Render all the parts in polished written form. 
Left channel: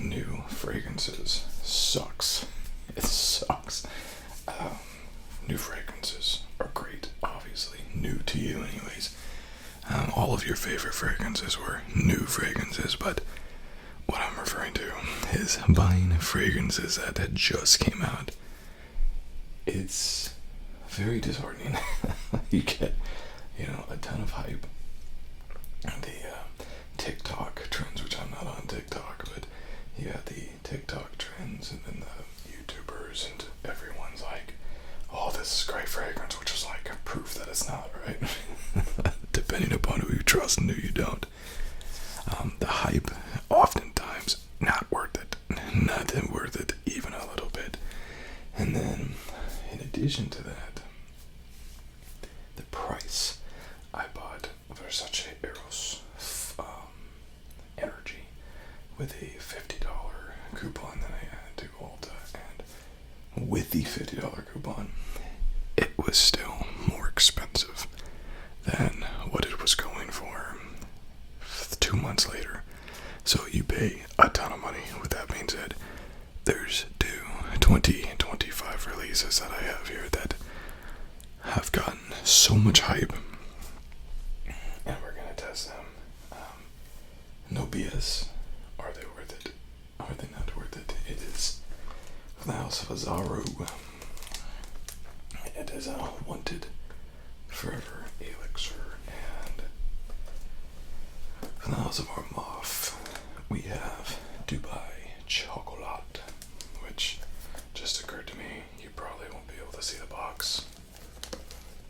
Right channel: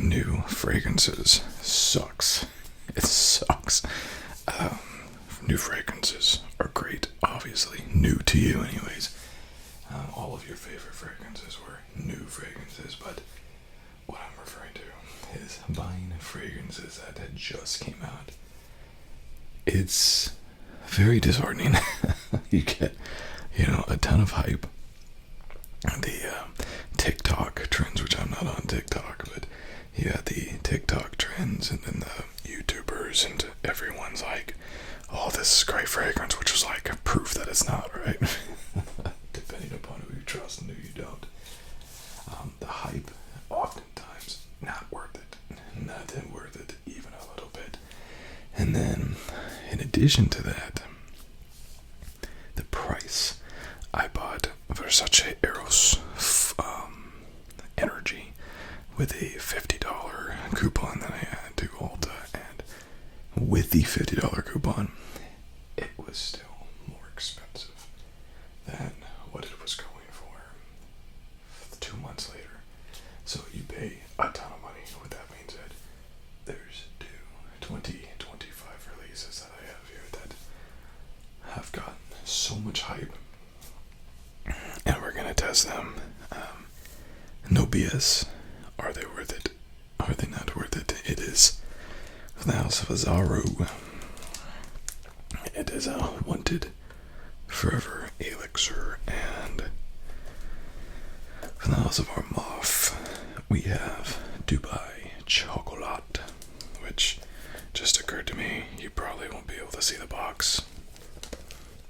new fragrances sucks. It sucks. New fragrances are great, obviously. New to you, anyways. All of your favorite fragrances were new fragrances, but what I'm referring to is buying fragrances that had just came out. It's very disheartening. You get, a ton of hype. The TikTok trends, which I'm not on TikTok, but you had the TikTok trends and then the YouTubers, and everyone's like, oh, this is great fragrance, which is like proof that it's not, right? Depending upon who you trust and who you don't. The hype, oftentimes, not worth it. Not worth it, even a little bit. And then, in addition to that, the price. I bought Versace Eros Energy with a $50 coupon that I had to Ulta, and with the $50 coupon, it was still more expensive than what it was going for 2 months later. So you pay a ton of money. With that being said, there's 2025 releases that I have here that have gotten so much hype, and we're gonna test them. No BS. Are they worth it? Are they not worth it? It is the House of Azzaro. It is Wanted, Forever, Elixir, and from the House of Armaf, we have Dubai Chocolate, which just occurred to me. You probably won't be able to see the box.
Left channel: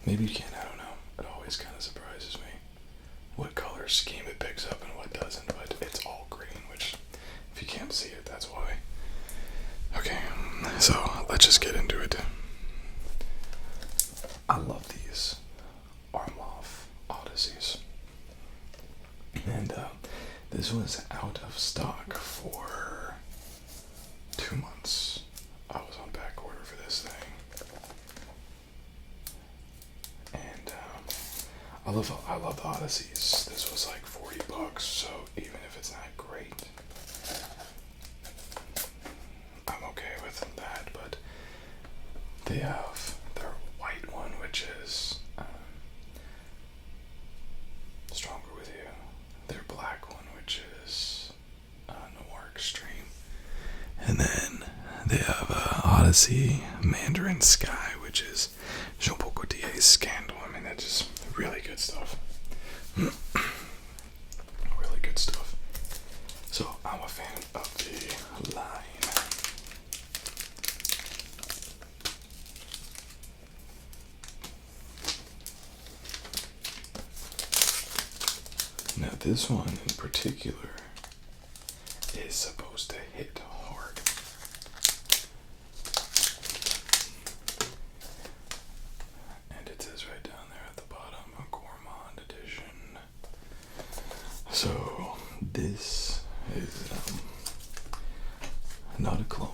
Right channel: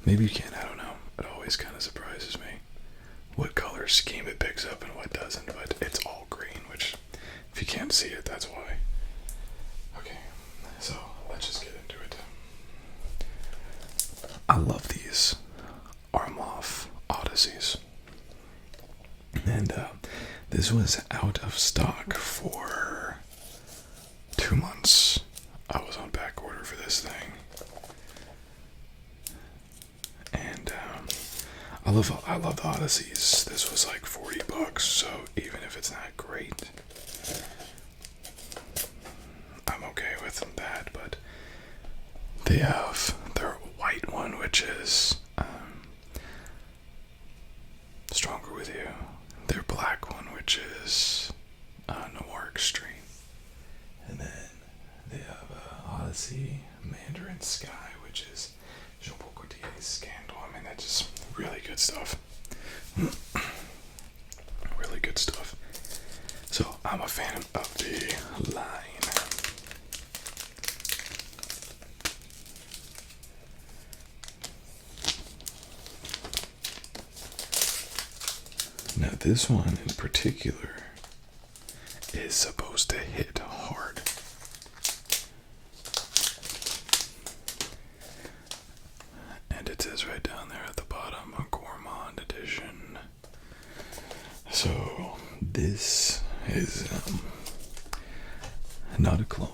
Maybe you can, I don't know. It always kind of surprises me what color scheme it picks up and what doesn't, but it's all green, which, if you can't see it, that's why. Okay, so let's just get into it. I love these Armaf Odysseys. And this was out of stock for 2 months. I was on back order for this thing. And I love the Odysseys. This was like $40, so even if it's not great, I'm okay with that. But they have their white one, which is Stronger With You. Their black one, which is Noir Extreme. And then they have Odyssey Mandarin Sky, which is Jean Paul Gaultier's Scandal. I mean, that's just really good stuff. Really good stuff. So, I'm a fan of the line. Now, this one in particular is supposed to hit hard. And it says right down there at the bottom, a Gourmand Edition. So, this is not a clone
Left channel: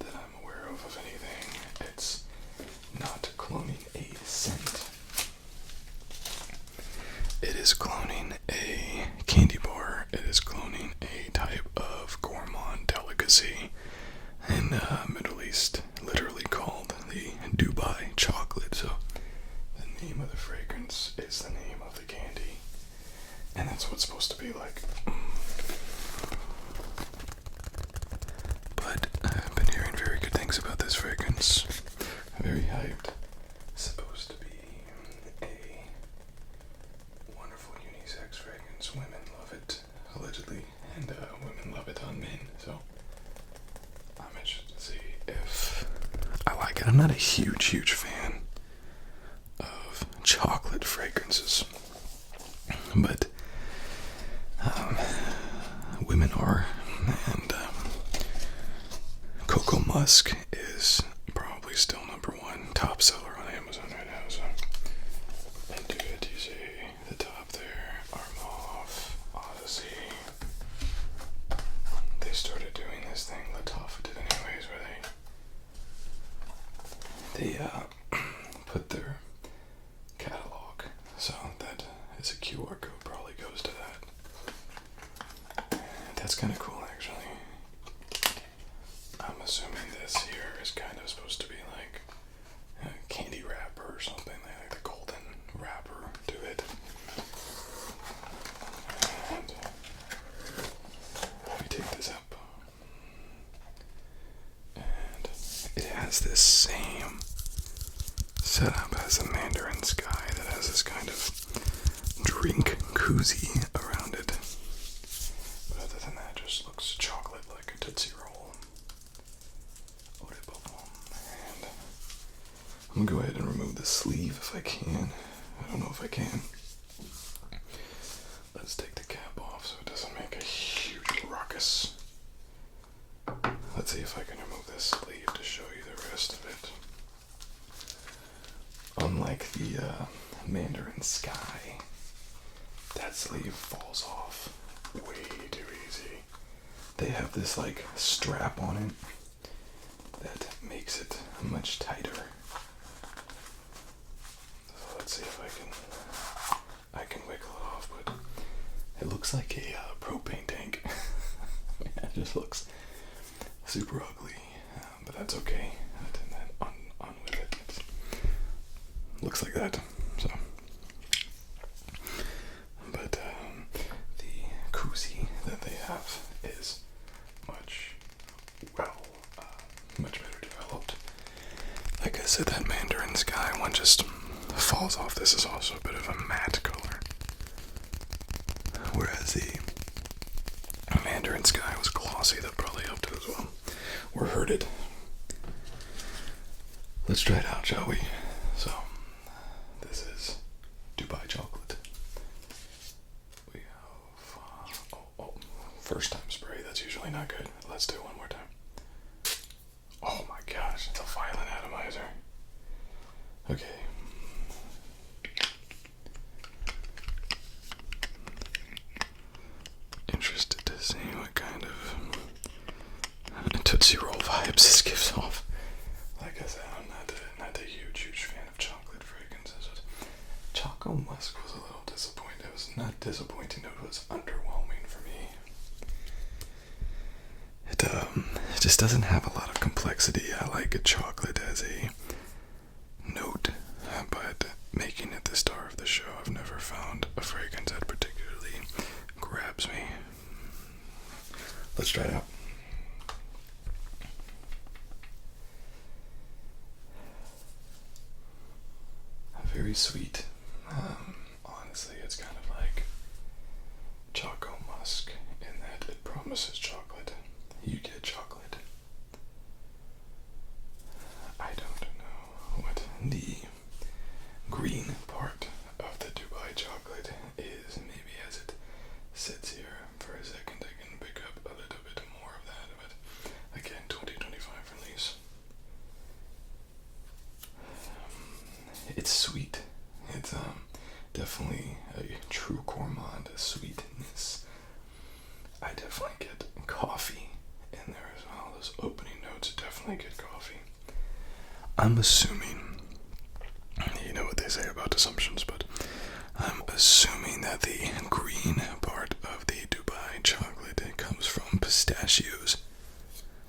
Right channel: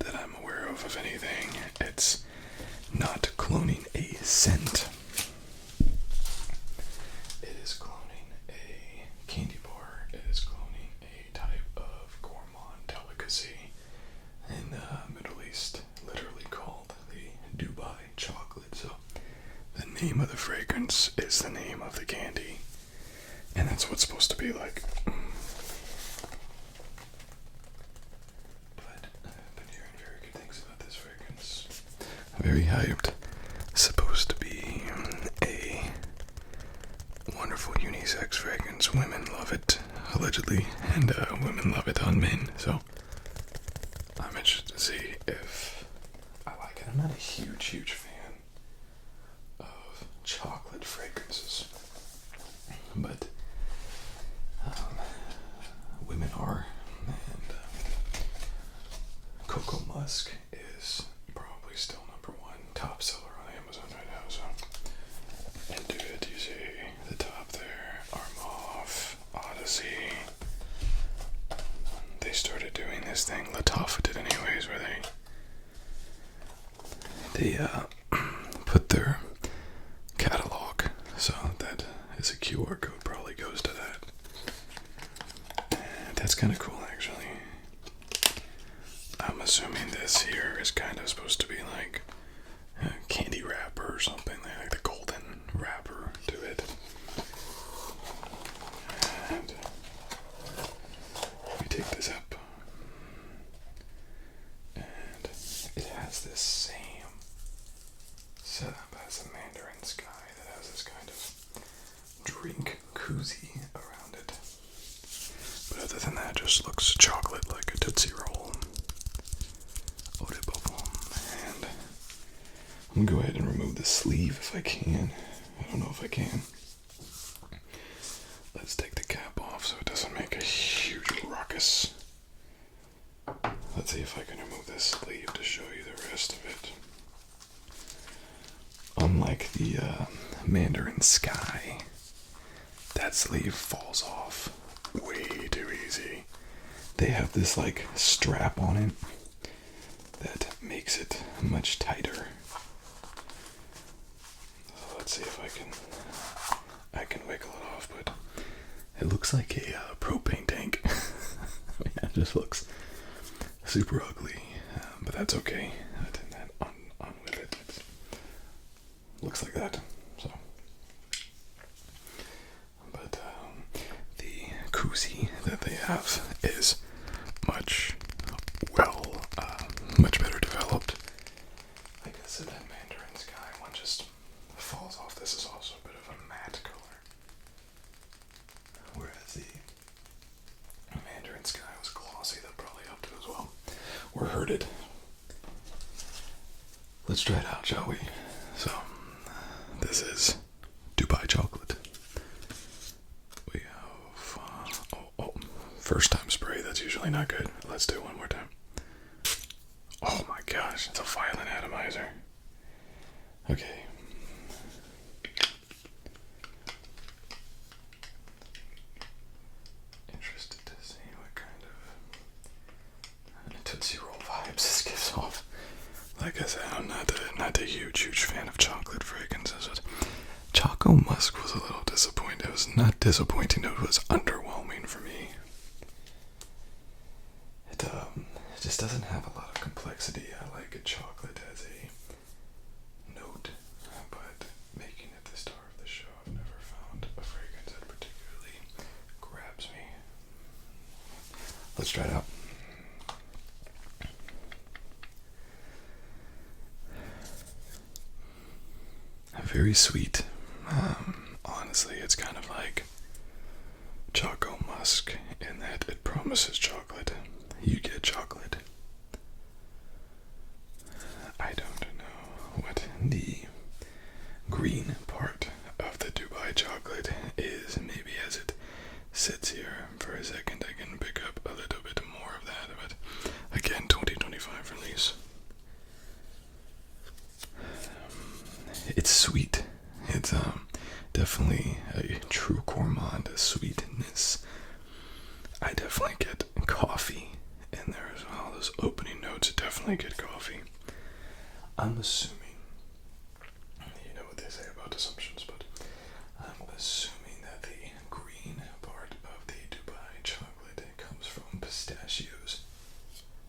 that I'm aware of anything. It's not cloning a scent. It is cloning a candy bar. It is cloning a type of gourmand delicacy in Middle East, literally called the Dubai chocolate. So the name of the fragrance is the name of the candy, and that's what it's supposed to be like. But I've been hearing very good things about this fragrance. Very hyped. Supposed to be a wonderful unisex fragrance. Women love it, allegedly, and women love it on men. So I'm interested to see if I like it. I'm not a huge fan of chocolate fragrances, but women are, and Cocoa Musk is probably still number one top seller on Amazon right now. So do you see the top there? Armaf, Odyssey. They started doing this thing. Lattafa did anyways, where they put their catalog, so that is a QR code probably goes to that. And that's kind of cool, actually. assuming this here is kind of supposed to be like a candy wrapper or something, like the golden wrapper to it. And we take this up, and it has this same setup as a Mandarin Sky that has this kind of drink koozie around it. But other than that, it just looks chocolate like a Tootsie Roll. And I'm gonna go ahead and remove the sleeve if I can. I don't know if I can. Let's take the cap off so it doesn't make a huge ruckus. Let's see if I can remove this sleeve to show you the rest of it. Unlike the Mandarin Sky, that sleeve falls off way too easy. They have this like strap on it that makes it much tighter. Let's see if I can wiggle it off, but it looks like a propane tank. It just looks super ugly, but that's okay. On with it. Looks like that. So, but the koozie that they have is much better developed. Like I said, that Mandarin Sky one just falls off. This is also a bit of a matte color, whereas the Mandarin Sky was glossy. That probably helped it as well, or hurt it. Let's try it out, shall we? So, this is Dubai chocolate. We have first time spray. That's usually not good. Let's do it one more time. Oh my gosh, it's a violent atomizer. Okay. Interested to see what kind of Tootsie Roll vibes this gives off. Like I said, I'm not a huge fan of chocolate fragrances. Choco Musk was a little disappointing. It was not disappointing, it was underwhelming for me. It just doesn't have a lot of complexity. I like a chocolate as a note, but making it the star of the show, I've never found a fragrance that particularly grabs me. Let's try it out. Very sweet. Honestly, it's kind of like Choco Musk in that it promises chocolate. You get chocolate. I don't know what the green part of the Dubai chocolate is. Maybe as it sits here for a second, I can pick up a little bit more of that. But again, 2025 release. It's sweet. It's definitely a true gourmand sweetness. I definitely get coffee in there as well. Those opening notes definitely get coffee. I'm assuming, you know what they say about assumptions, but I'm assuming that the green part of the Dubai chocolate comes from pistachios.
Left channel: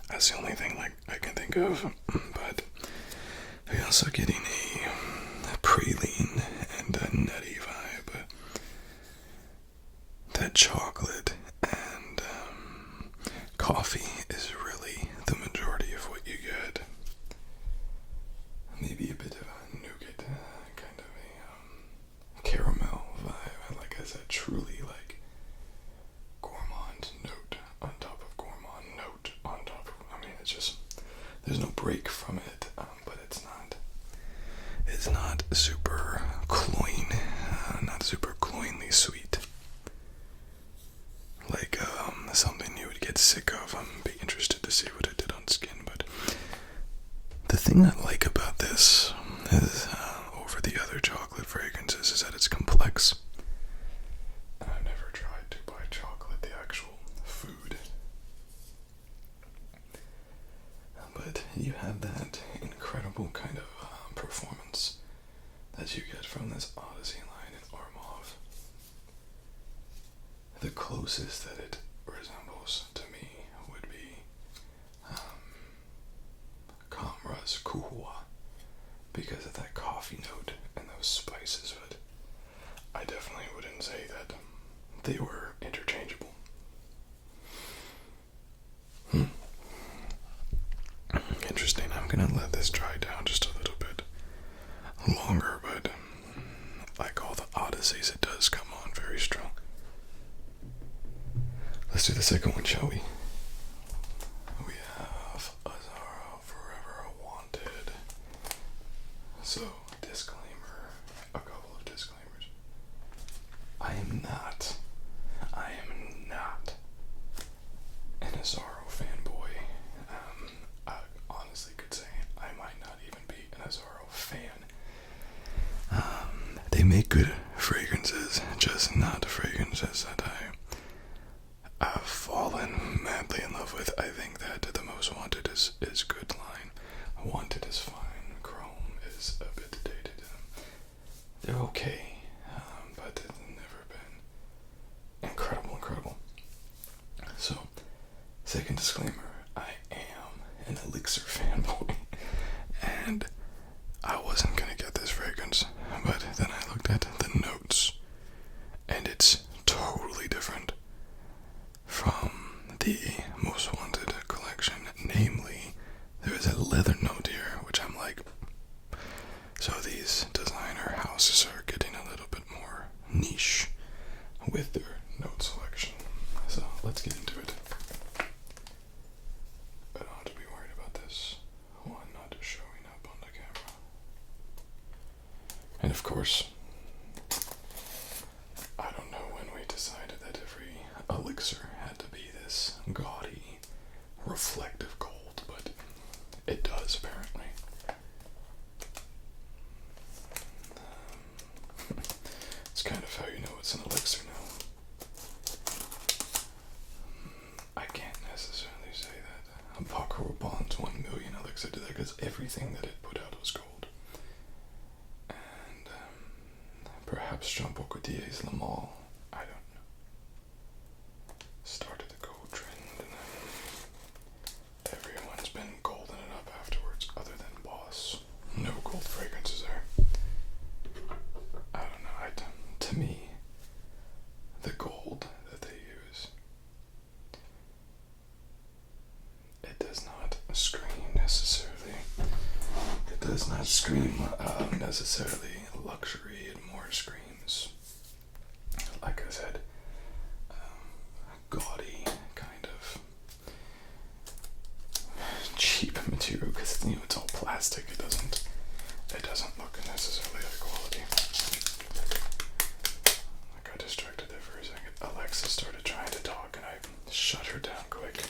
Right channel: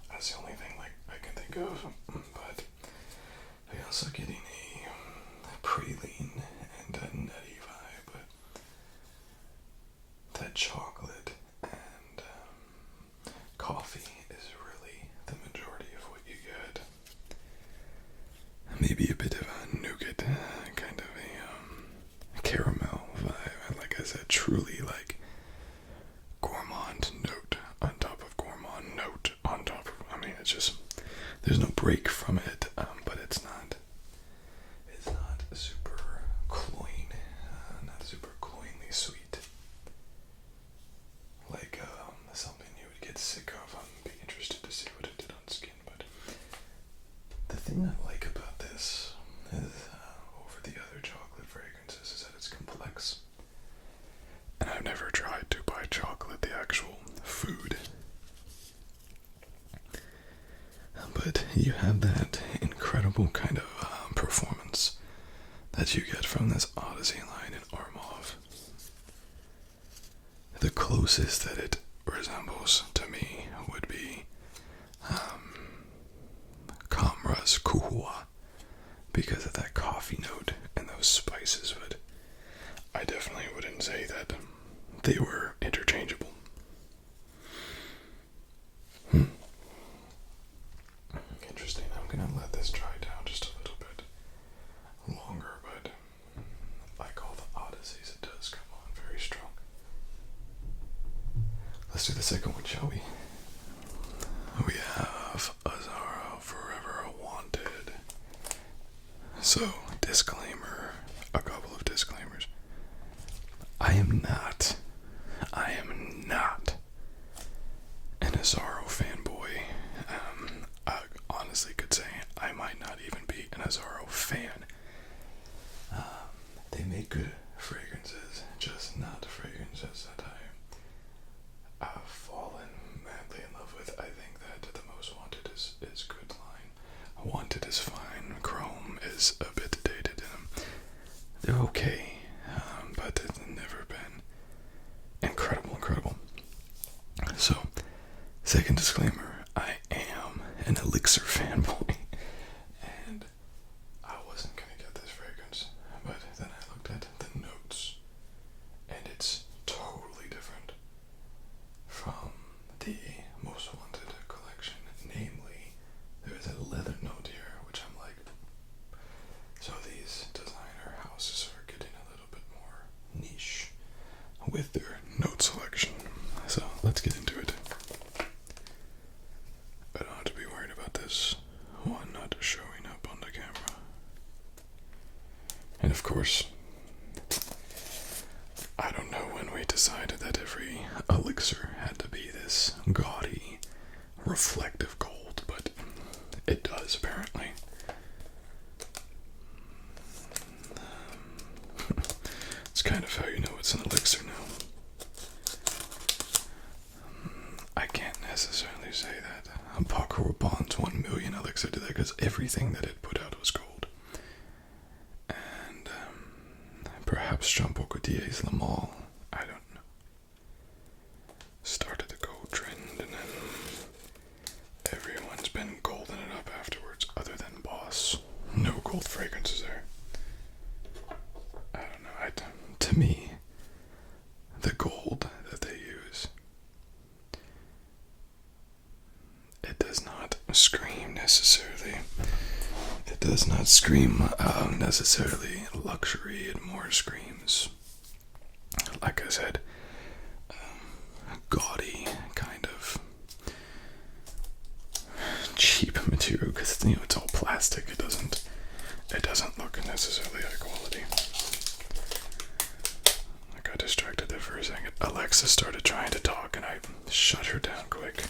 That's the only thing like I can think of. But I'm also getting a praline and a nutty vibe. That chocolate and coffee is really the majority of what you get. Maybe a bit of a nougat, kind of a caramel vibe. Like I said, truly like gourmand note on top of gourmand note on top of. I mean, it's just there's no break from it, but it's not super cloying, not super cloyingly sweet. Like something you would get sick of. I'm be interested to see what it did on skin, but the thing I like about this is over the other chocolate fragrances is that it's complex. And I've never tried Dubai chocolate, the actual food. But you have that incredible kind of performance that you get from this Odyssey line in Armaf. The closest that it resembles to me would be because of that coffee note and those spices, but I definitely wouldn't say that they were interchangeable. Interesting. I'm gonna let this dry down just a little bit longer, but like all the odysseys, it does come on very strong. Let's do the second one, shall we? We have Azzaro Wanted. So, disclaimer, a couple of disclaimers. I am not an Azzaro fanboy. I honestly could say I might not even be an Azzaro fan. They make good fragrances, just not fragrances that I've fallen madly in love with. I think that the Most Wanted is good line. Wanted is fine. Chrome is a bit dated. They're okay, but they've never been incredible. So, second disclaimer, I am an Elixir fanboy, and I wasn't gonna get this fragrance, but then I looked at the notes, and it's totally different from the Most Wanted collection. Namely, there is a leather note here, which I'm like, so these designer houses are getting a little bit more niche with their note selection. So let's get into it. I don't have to be worried about this one not showing up on the camera. And of course, I don't know when we decided that every elixir had to be this gaudy, reflective gold, but it does apparently. It's kind of how you know it's an elixir now. I can't necessarily say that Paco Rabanne's 1 million elixir did that, because everything that it put out was gold. And perhaps Jean Paul Gaultier's Le Male, I don't know, started the gold trend, and then everyone's been golden it up afterwards, other than Boss. No gold fragrances there. I don't know. To me, the gold that they use, it does not scream necessarily. It does not scream necessarily luxury. It more screams, like I said, gaudy, kind of cheap material, because it's all plastic. It doesn't look necessarily high quality. I got distracted there for a second. Alexa started trying to talk and I shut her down quick.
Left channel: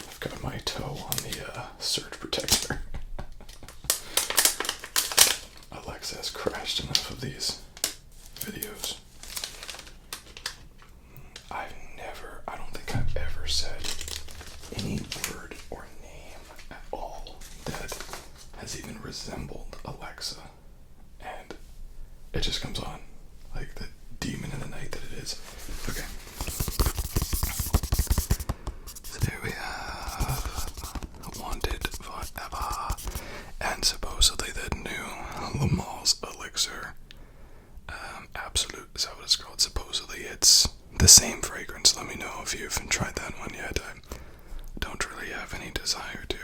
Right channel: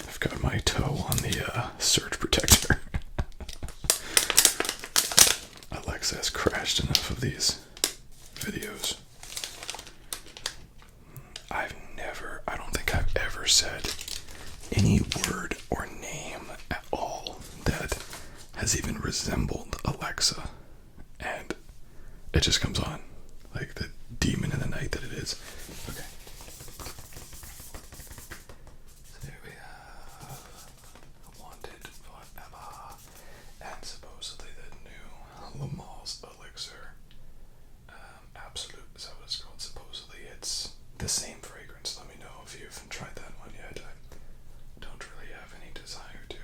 I've got my toe on the surge protector. Alexa has crashed enough of these videos. I don't think I've ever said any word or name at all that has even resembled Alexa, and it just comes on like the demon in the night that it is. Okay. So there we have Wanted Forever, and supposedly that new Le Male's Elixir, Absolute, is that what it's called? Supposedly it's the same fragrance. Let me know if you haven't tried that one yet. I don't really have any desire to.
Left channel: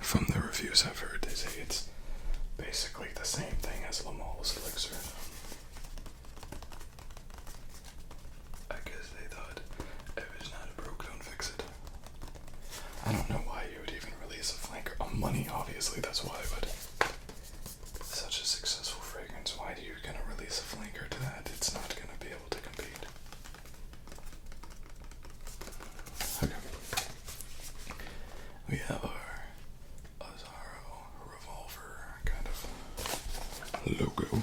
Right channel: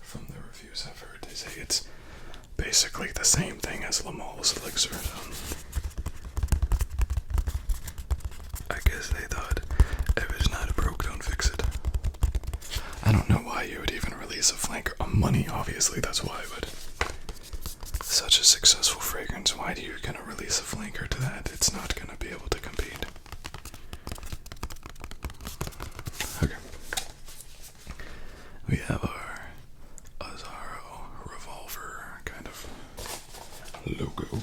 From the reviews I've heard, they say it's basically the same thing as Le Male's Elixir. I guess they thought if it's not broke, don't fix it. I don't know why you would even release a flanker. Money, obviously, that's why, but such a successful fragrance, why do you gonna release a flanker to that? It's not gonna be able to compete. Okay. We have our Azzaro revolver kind of logo.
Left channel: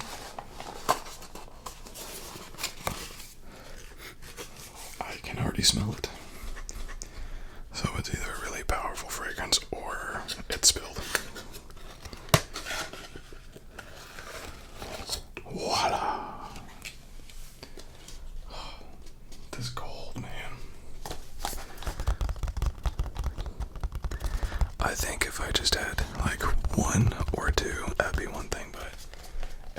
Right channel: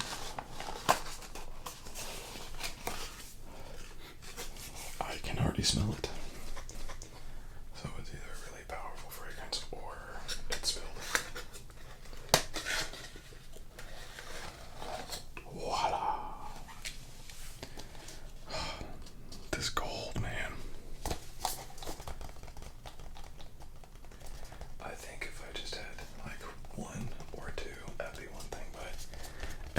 I can already smell it. So it's either a really powerful fragrance or it's spilled. Voila. This gold, man. I I think if I just had like one or two, that'd be one thing, but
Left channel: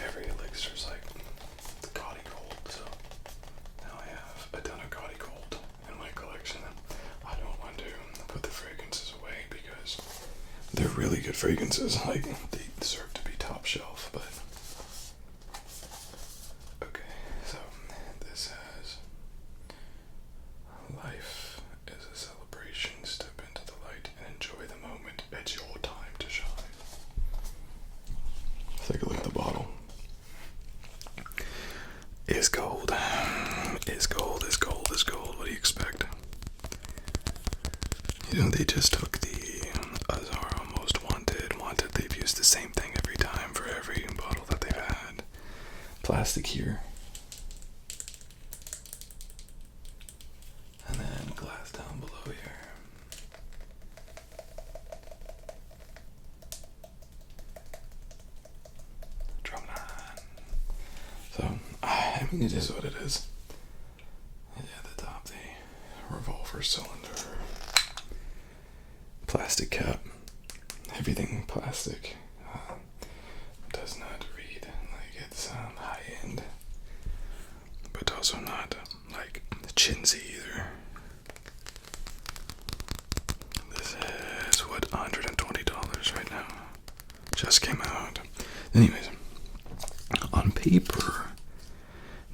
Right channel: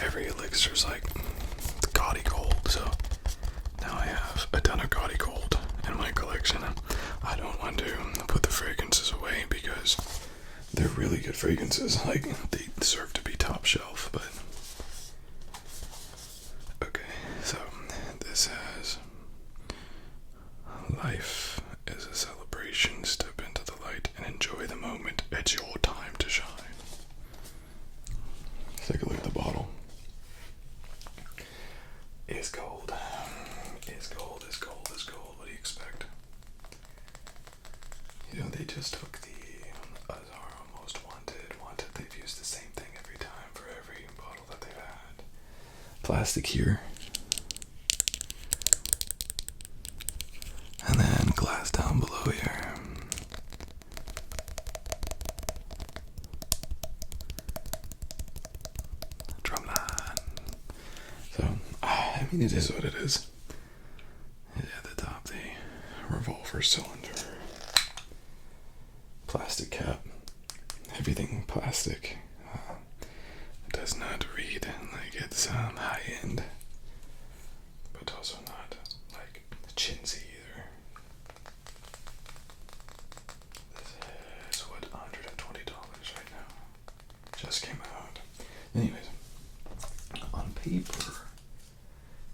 every elixir's like gaudy gold, so now I have a ton of gaudy gold in my collection. I don't want to put the fragrances away because they're really good fragrances. Like, they deserve to be top shelf, but okay, so this has life is a celebration. Step into the light and enjoy the moment. It's your time to shine. Take a look at the bottle. Is gold. Is gold, is gold, is gold. What do you expect? You know, they just took the Azzaro Wanted. They've used the same thing every time for every bottle that they've had. Plastic here. And then glass down below here. Drumline. So, I mean, it is what it is. Yeah, at the top, the revolver cylinder. Plastic cap. Everything plastic. Does not read like it's high end, but also not like chintzy either. This is what, $120 right now. Just came out. Anyways, on paper,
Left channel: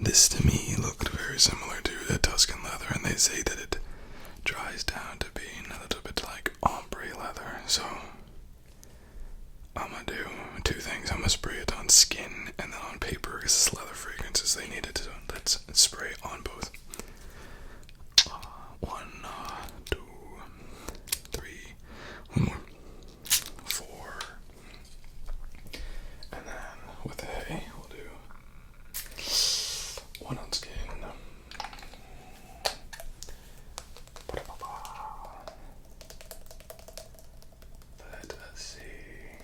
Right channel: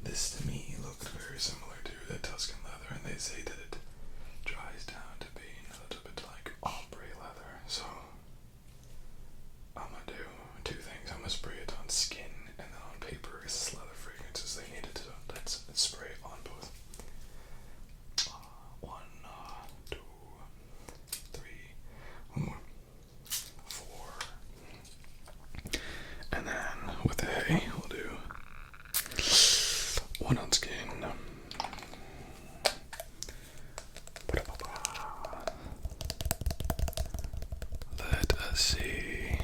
this to me looked very similar to the Tuscan leather, and they say that it dries down to being a little bit like ombre leather. So I'm gonna do two things. I'm gonna spray it on skin and then on paper, because it's leather fragrances, they need it. So let's spray on both. 1, 2, 3, one more, 4, and then with the hay, we'll do 1 on skin. Let us see.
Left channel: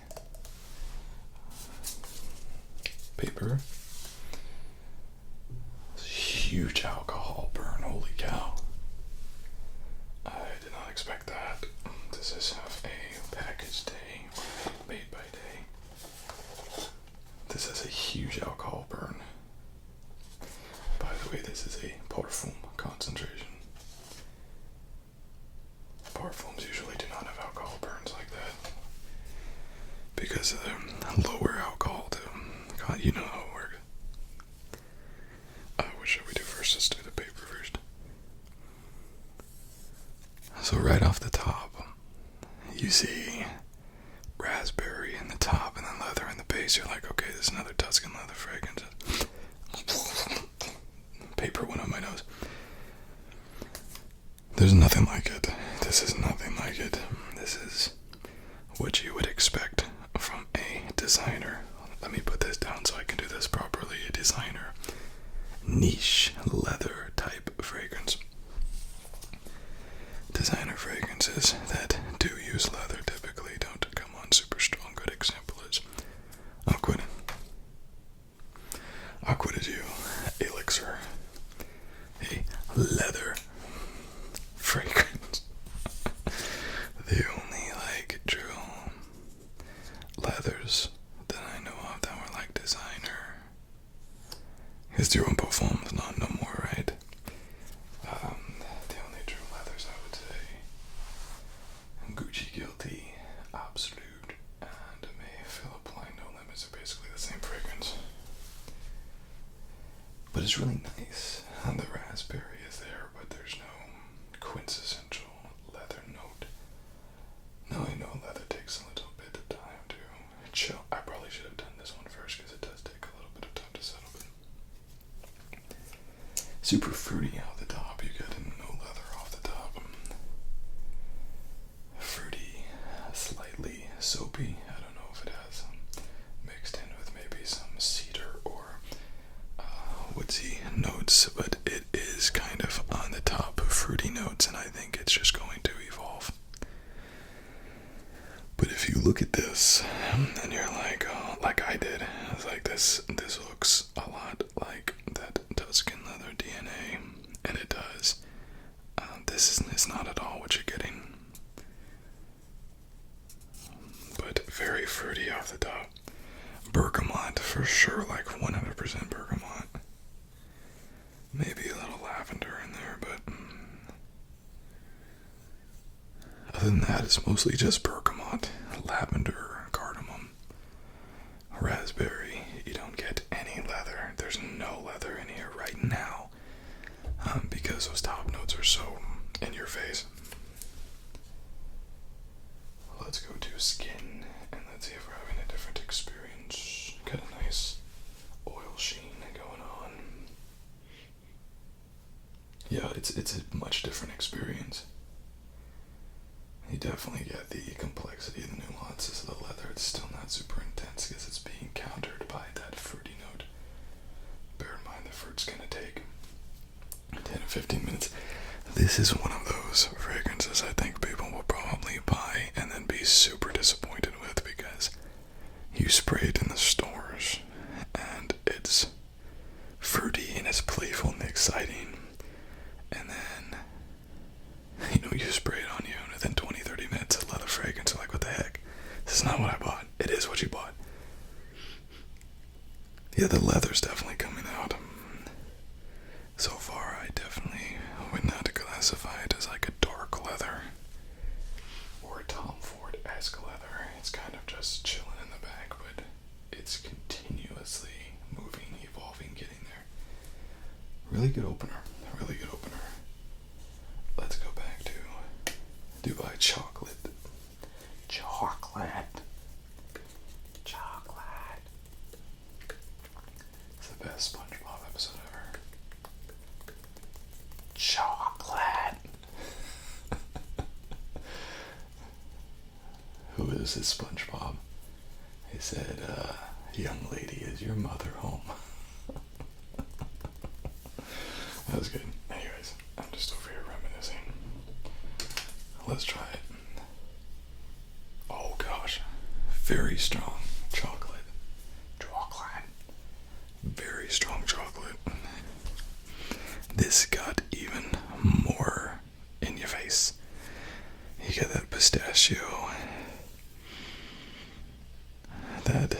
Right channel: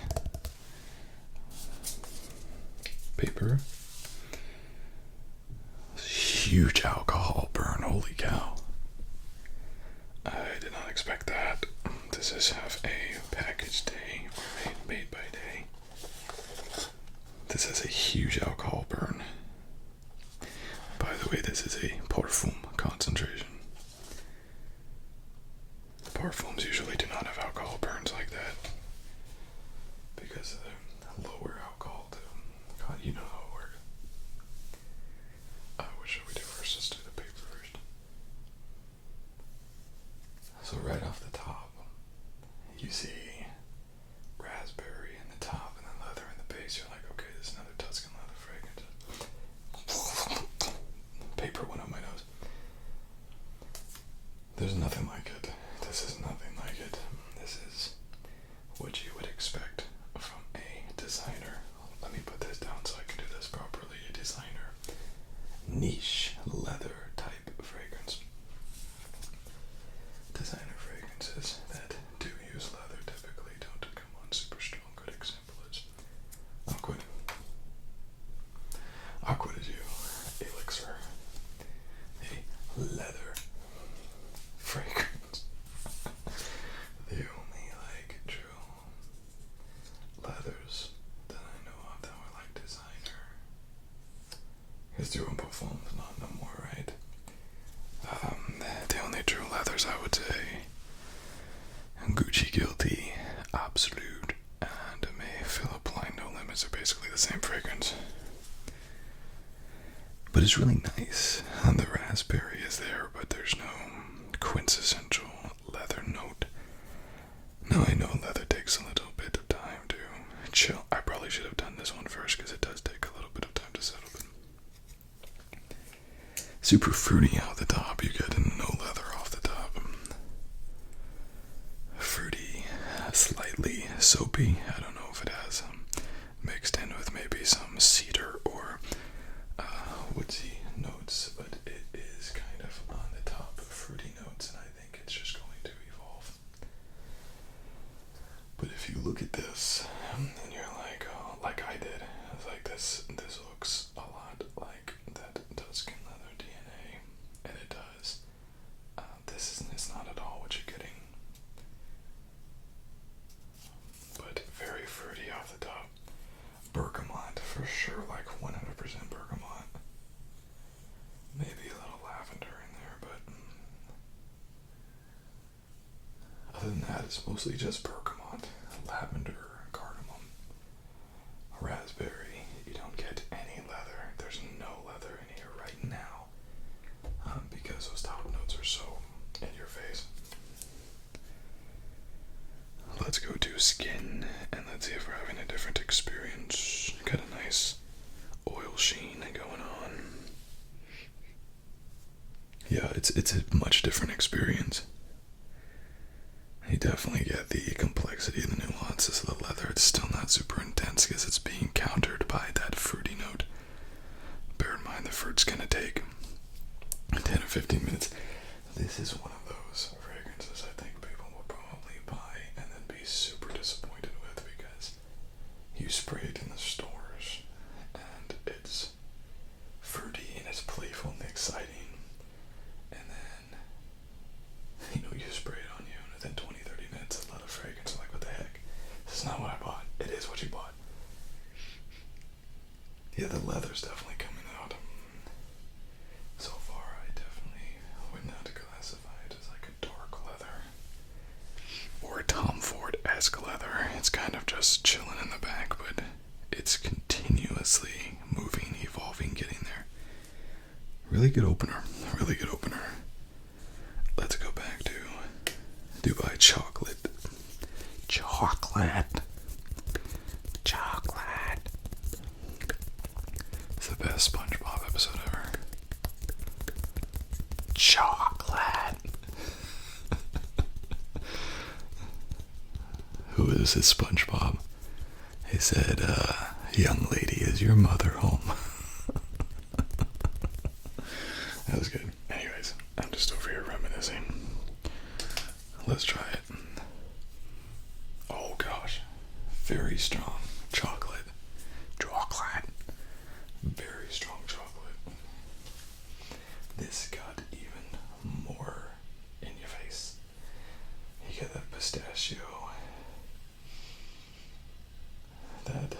Paper. Huge alcohol burn, holy cow. I did not expect that. This is half a package day, or made by day. This has a huge alcohol burn. By the way, this is a parfum concentration. Parfums usually do not have alcohol burns like that because of the lower alcohol to, you know how it works. What should we do first? Let's do the paper first. So right off the top, you see raspberry in the top and then leather in the base. You're like, okay, this is another Tuscan leather fragrance. Paper went on my nose. There's nothing like it. This is nothing like it. This is what you would expect from a designer. Let me put this down so I can do this properly. A designer. Niche leather type fragrance. Designer fragrances that do use leather typically don't come on super strong. Good example is Aquid. Aquid is you. Elixir. A leather fragrance. The only like true leathers that I know of that were like designer. Because they're on performs, not no more, right? The only true leathers I would say Gucci Guilty, Absolute, and May Philip Line No Limits are basically the same fragrance. But it's really nice. And the raspberry is there, but there's no quintessential leather note. Now I know leather takes a little bit of time to chill. I probably should have done this one first because it does take a little bit of time to settle. But super fruity out the top. You get no leather off the top. Fruity, slightly soapy. I don't know if it has mixed in with maybe some cedar or woodsy notes, but it is kind of on the top fruity notes, and I think it's just going to evolve. But if you look at this, and you're like, oh, like I did, it's like this looks a lot like that Tuscan leather DNA, and it does. This is not at all what you're getting. for sure like 100% bergamot. Maybe a little lavender in there, but other than that, it's mostly just bergamot, lavender, cardamom, raspberry. You don't get any leather. There's no leather in here right now, because those top notes are so in your face. Let's go to skin, and let's see if we're having a different experience. Got a nice oil sheen going on. Yeah, it's a much different experience. You definitely get the complexity and the nuances of the leather. It's still not super intense because it's being countered by that fruity note. Bear in mind the fruit's gonna take 10 or 15 minutes. This is one of those fragrances I think people will probably buy and then be super disappointed with because you spray it in the stores and it's fruity and it's playful and exciting, and then you spray it on you and within 20-30 minutes a leather fragrance. You're like, what the heck? This is not what I bought. It is what you bought. Yeah, the leather's definitely coming out. So far I definitely would not classify it as like a dark leather or a Tom Ford-esque leather. It's kind of just chilling in the back, but it's continuously moving, evolving, getting there. Really good opener. Really good opener. Let's go back to Dubai chocolate. Chocolate. It's the best SpongeBob episode ever. Chocolate. Who is this SpongeBob? He said, young lady, is your mother home? That was good. Anyways, I'm just over here reminiscing. Let's try it. Oh gosh. Very strong chocolate. Very strong chocolate. This got even more in your face. You get that pistachio. That,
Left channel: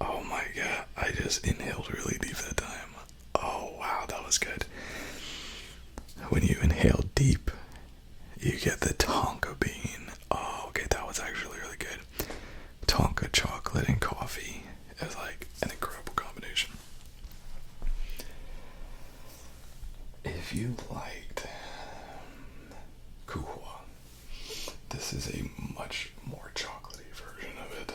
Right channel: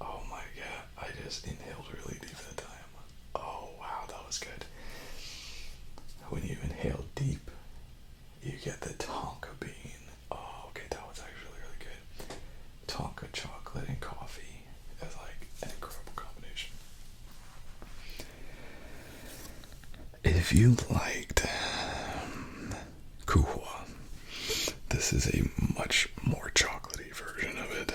oh my god, I just inhaled really deep that time. Oh wow, that was good. When you inhale deep, you get the tonka bean. Oh, okay, that was actually really good. Tonka chocolate and coffee is like an incredible combination. If you liked kuhua, this is a much more chocolatey version of it.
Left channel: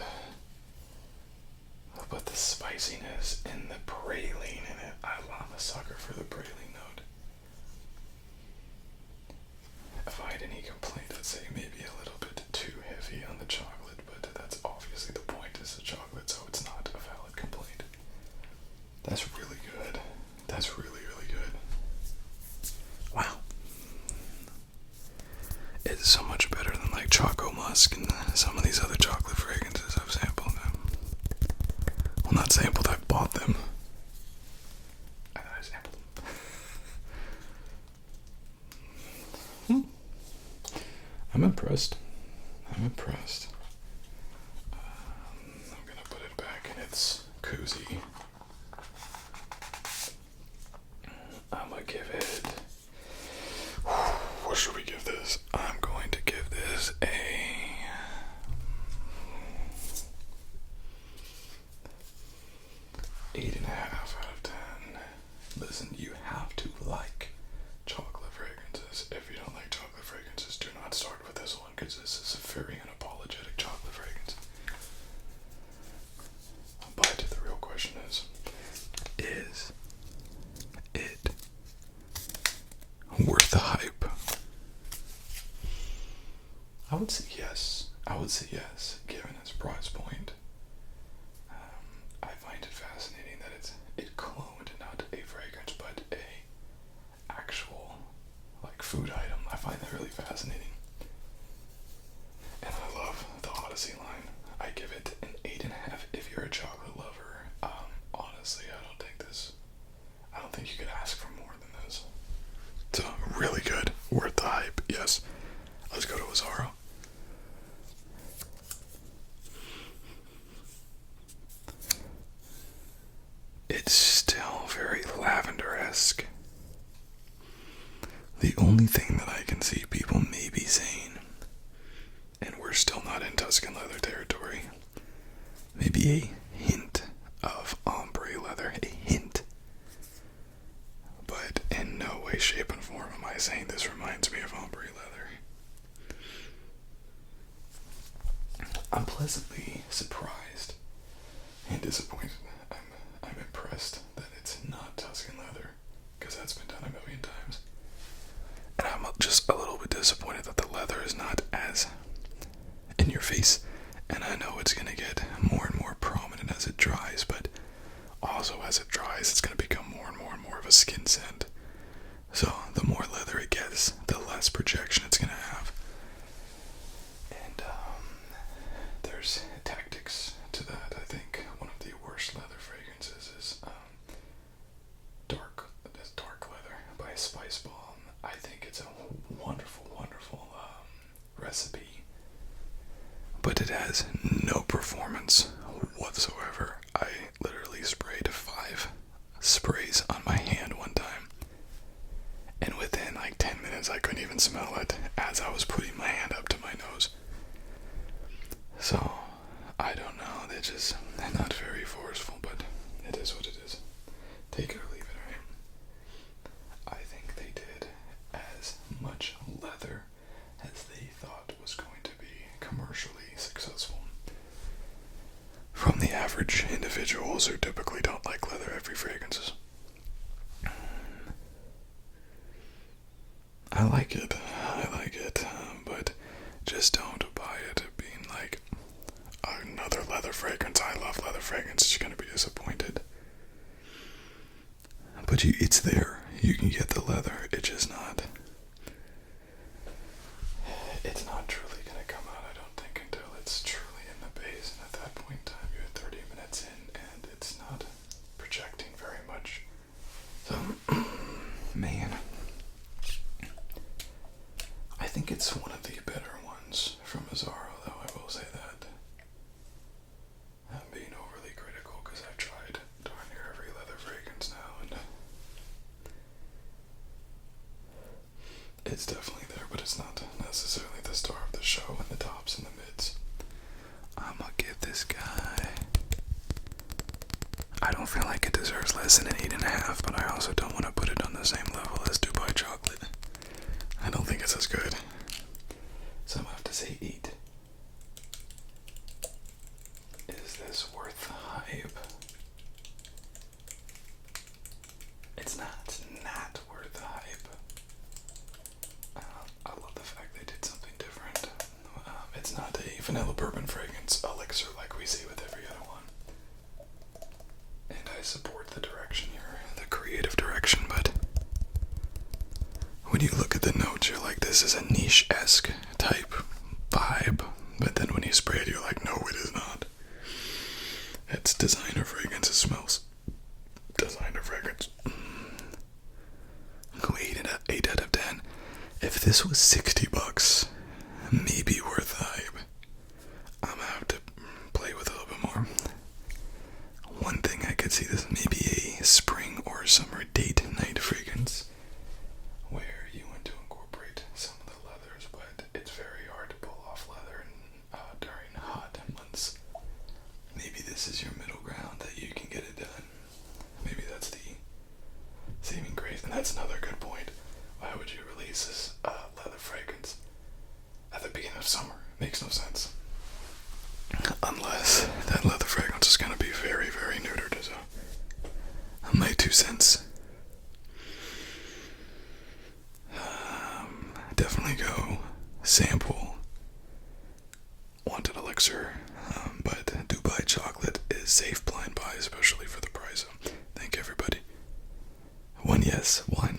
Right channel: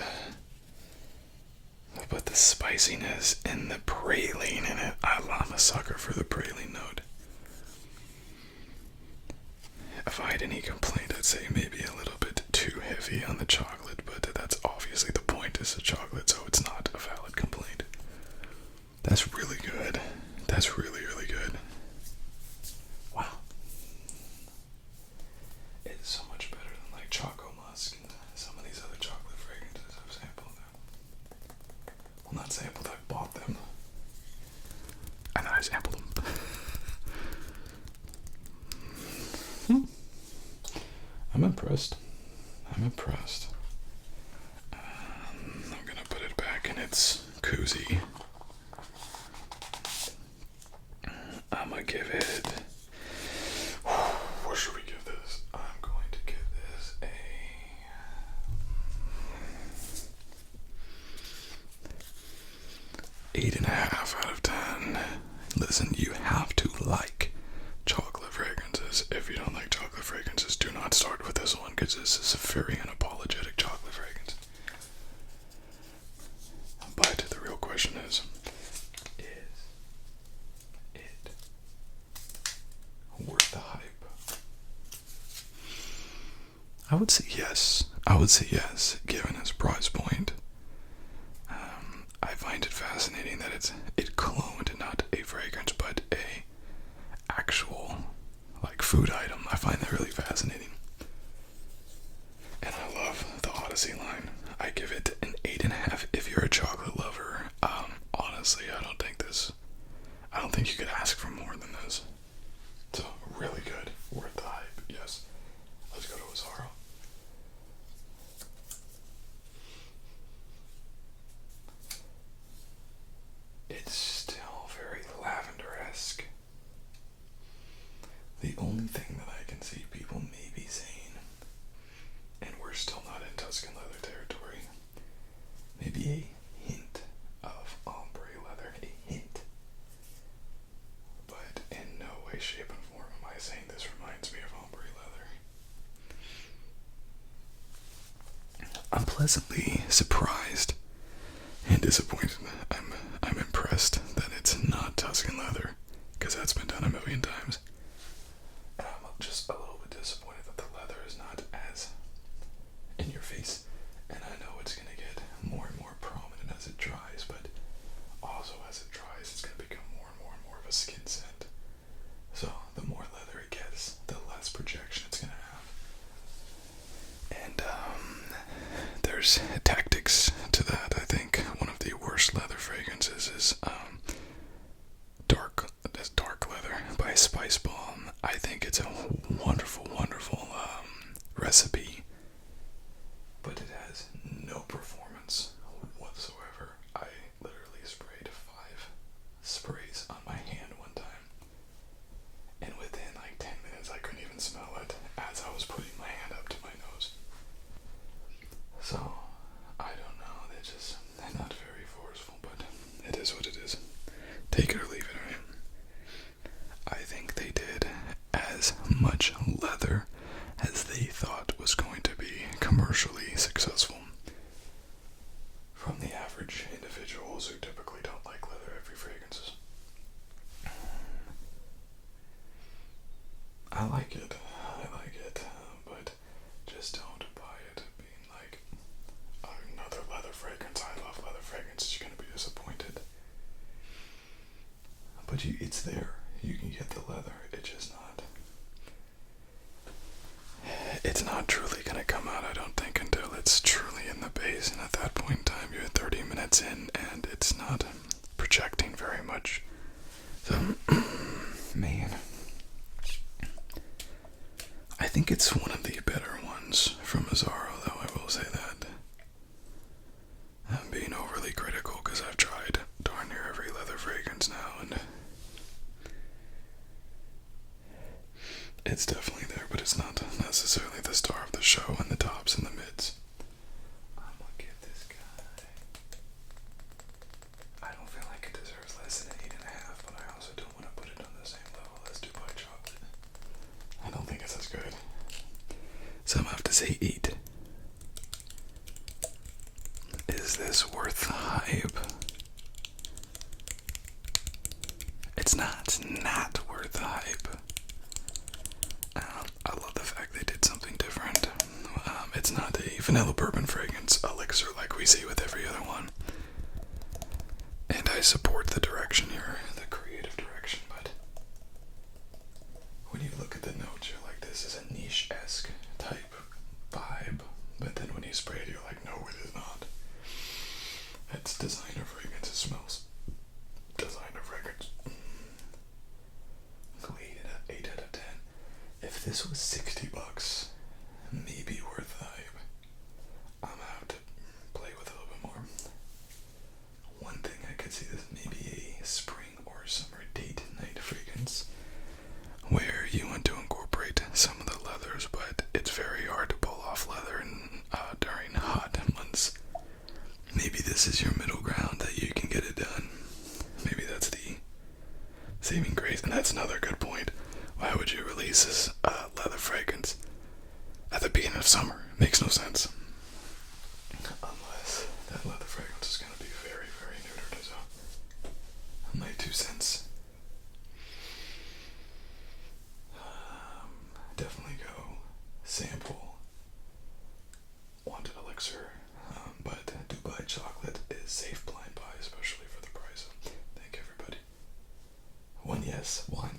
But the spiciness and the praline in it, I'm a sucker for the praline note. If I had any complaint, I'd say maybe a little bit too heavy on the chocolate, but that's obviously the point, is the chocolate, so it's not a valid complaint. That's really good. That's really, really good. Wow. It's so much better than like Choco Musk and some of these other chocolate fragrances I've sampled. Well, not sampled, I bought them. And then I sampled them. I'm impressed. I'm gonna put it back in its koozie. I'm gonna give it... What should we give this? I'm going to give this a... 8.5 out of 10. Listen, you have to like chocolate fragrances. If you don't like chocolate fragrances, do not start with this one, because this is a very unapologetic chocolate fragrance. But the real question is it worth the hype? I would say yes. Given its price point. I find it fascinating that it cloned not a fragrance but a actual like food item. I find that really fascinating. And I love the Odyssey line. I give it an 8.5 if you're a chocolate lover. Honestly, I don't think you could ask for more than this. So really good. Worth the hype, yes. Let's go to Azzaro. only thing that I can see people maybe saying, and we're still not in Tuscan leather territory, maybe a hint of ombre leather, a hint. But in no way, shape, and form am I saying this reminds me of ombre leather. I'm pleasantly surprised and disappointed. I'm impressed that it's not Tuscan leather, because that's been done a million times. And I'm just a little bit disappointed that the leather is not as in your face. And I know it's going to get more and more prominent as it dries, but also as it dries, it's going to become more and more and more of a skin scent. So the more leather it gets, the less projection it's going to have. And there's tactics to that. I think one of the worst leather fragrances is dark leather by Spice Bomb. I think it's a wonderful, wonderful recipe, but it has no performance whatsoever. I literally sprayed 5 sprays on my hand one time, and within like 10 minutes I couldn't even smell it as I was putting my hand up to my nose. So I don't know, they're not very forceful, but it is what it is. Take it or leave it. I think they did as much leather as they thought was going to be commercially successful. From the average individuals who typically don't like leather-heavy fragrances. I like it, but just don't buy it being like another leather fragrance. I love leather fragrances. You're going to be disappointed. But it's there. You can get the leather. It's not truly going to come out, I don't think, until it's truly in the base. And at that point in time, you're 30 minutes in, and it's not projecting very much. So, man, I think it's one of the better ones from Azzaro, though, I will say that. I'm being overly critical because I've tried darn near every leather fragrance now, and it's definitely there, but it's not necessarily the star of the show in the tops and the mids. I'm gonna give this guy, I don't feel like it deserves less than an 8.5, but I also don't want to put it on the same level as Dubai Chocolate. I don't think it's as good. So I'm gonna have to say 8. Is this worth the hype? It's not worth the hype. I love the fact they did something different. It's not a vanilla bourbon fragrance elixir like we see with every other one. And I support the direction here, the creative direction, but when you look at the notes, you're like, this is a niche-esque type vibe. But then when you spray it, you're like, no, it is not. It's designer fragrance. It smells designer fragrance. Go 8 out of 10. If this was $60, maybe worth the hype. I'm gonna have to play with it a little bit more. One thing I could see this maybe a spring or summer date night fragrance, where you want to incorporate some of the leathers, but it's very hard to pull off leather during hot months. Maybe this is your middle ground that you can get it done. Maybe that's the saving grace, and that's another good point. Why would you release this leather fragrance at the beginning of summer? Makes no sense. Unless that leather fragrance is going to be very, very neutered. So, my 2 cents. Definitely go sample Wanted Elixir, but Dubai Chocolate is safe blind buy, especially for the price. Thank you, everybody. 1 yes, 1